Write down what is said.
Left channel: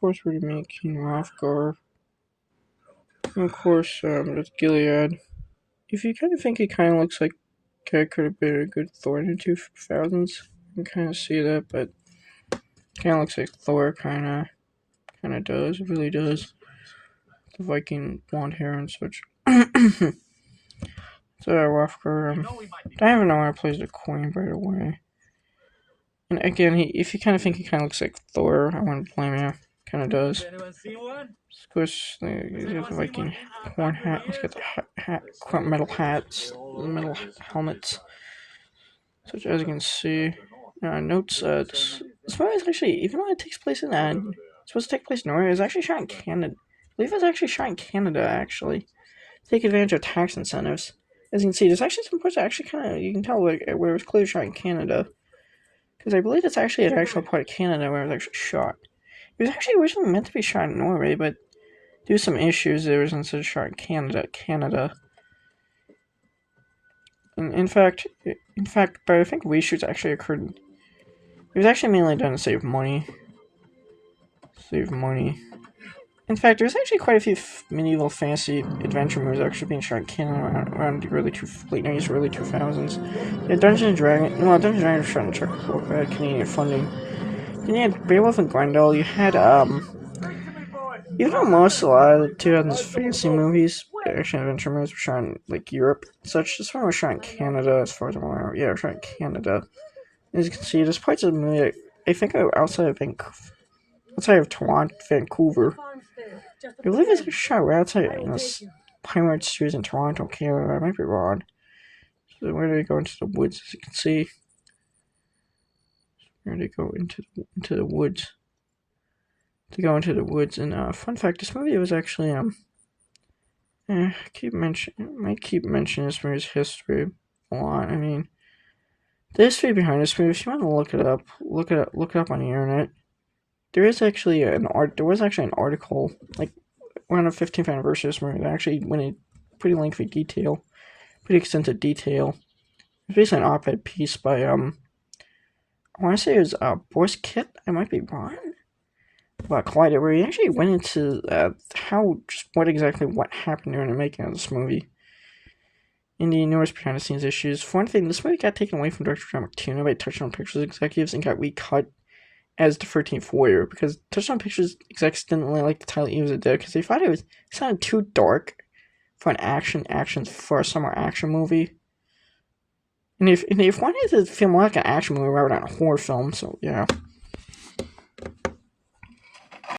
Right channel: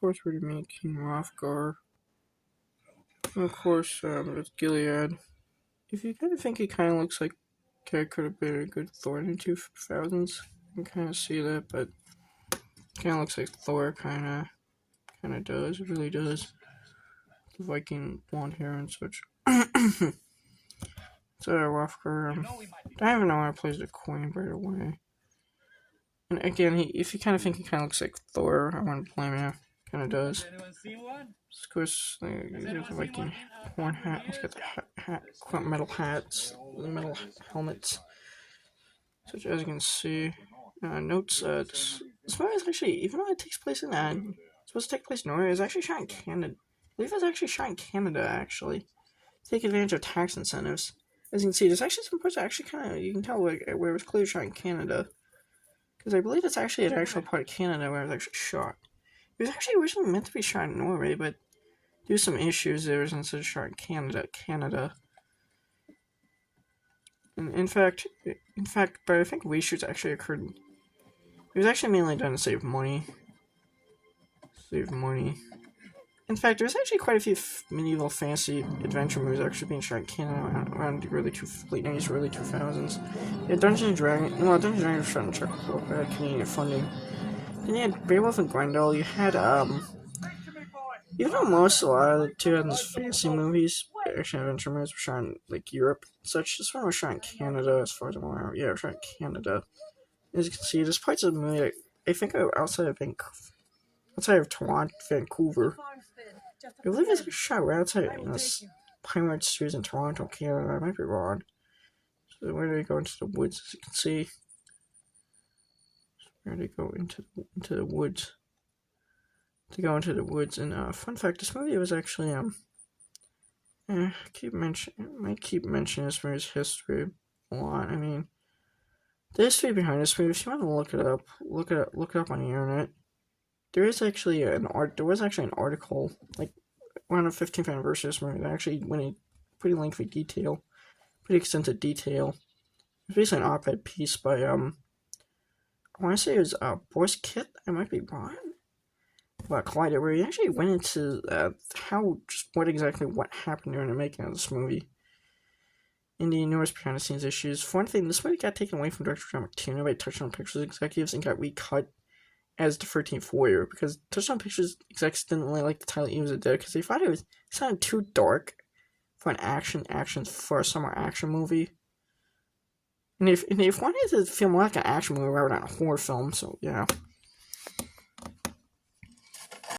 course, we're making hrothgar. And of course, it's Gilead. If you kind of think he kind of looks like it could have been a good Thor in the 2000s, you can kind of see that, but kind of looks like Thor kind of does. It really does. The Viking blonde hair and such. So hrothgar, I don't even know how to play the Queen, by the way. And again, if you kind of think he kind of looks like Thor, I wouldn't blame you. Kind of does. Squish, he's got the Viking horn hat. He's got the metal hats, metal helmets. Such as you can see. Notes, this movie is actually, even though it takes place in, it's supposed to take place in Norway, it's actually shot in Canada. I believe it's actually shot in Canada, actually. Take advantage of tax incentives. As you can see, there's actually some parts that actually kind of, you can tell where it was clearly shot in Canada. Because I believe it's actually an actual part of Canada where it was actually shot. It was actually originally meant to be shot in Norway, but due to some issues, it was instead shot in Canada. In fact, but I think reshoots actually occurred. It was actually mainly done to save money. In fact, there's actually quite a few medieval fantasy adventure movies actually being shot in Canada around the early 2000s. Yeah, Dungeons and Dragons was shot in Czech Republic, Canadian funding. Then you had Beowulf and Grendel. You had even though a lot of the 2000s fantasy movies, action adventure movies, were shot in like Europe, such. This one was shot in Canada, as far as I'm aware. Yeah, it was shot in Canada. As you can see, there's parts of the movie I think outside of Toronto, Vancouver. I believe it's shot right outside Pinewood Studios in Toronto, Canada. I might be wrong. So where do they go into the woods? As you can see, where do they go into the woods? To go into the woods. And fun fact, this movie was actually might keep mentioning this movie's history a lot. I mean, the history behind this movie, if you want to look it up on the internet. There was actually an article like around the 15th anniversary of this movie that actually went in pretty lengthy detail, pretty extensive detail. It's basically an op-ed piece by I want to say it was Boris Kit. I might be wrong. About Collider, where he actually went into what happened during the making of this movie. And the enormous behind the scenes issues. For one thing, this movie got taken away from director John McTiernan by Touchstone Pictures executives and got recut as the 13th Warrior, because Touchstone Pictures execs didn't really like the title Eves of the Dead because they thought it sounded too dark for for a summer action movie. And if one wanted to feel more like an action movie rather than a horror film, so yeah.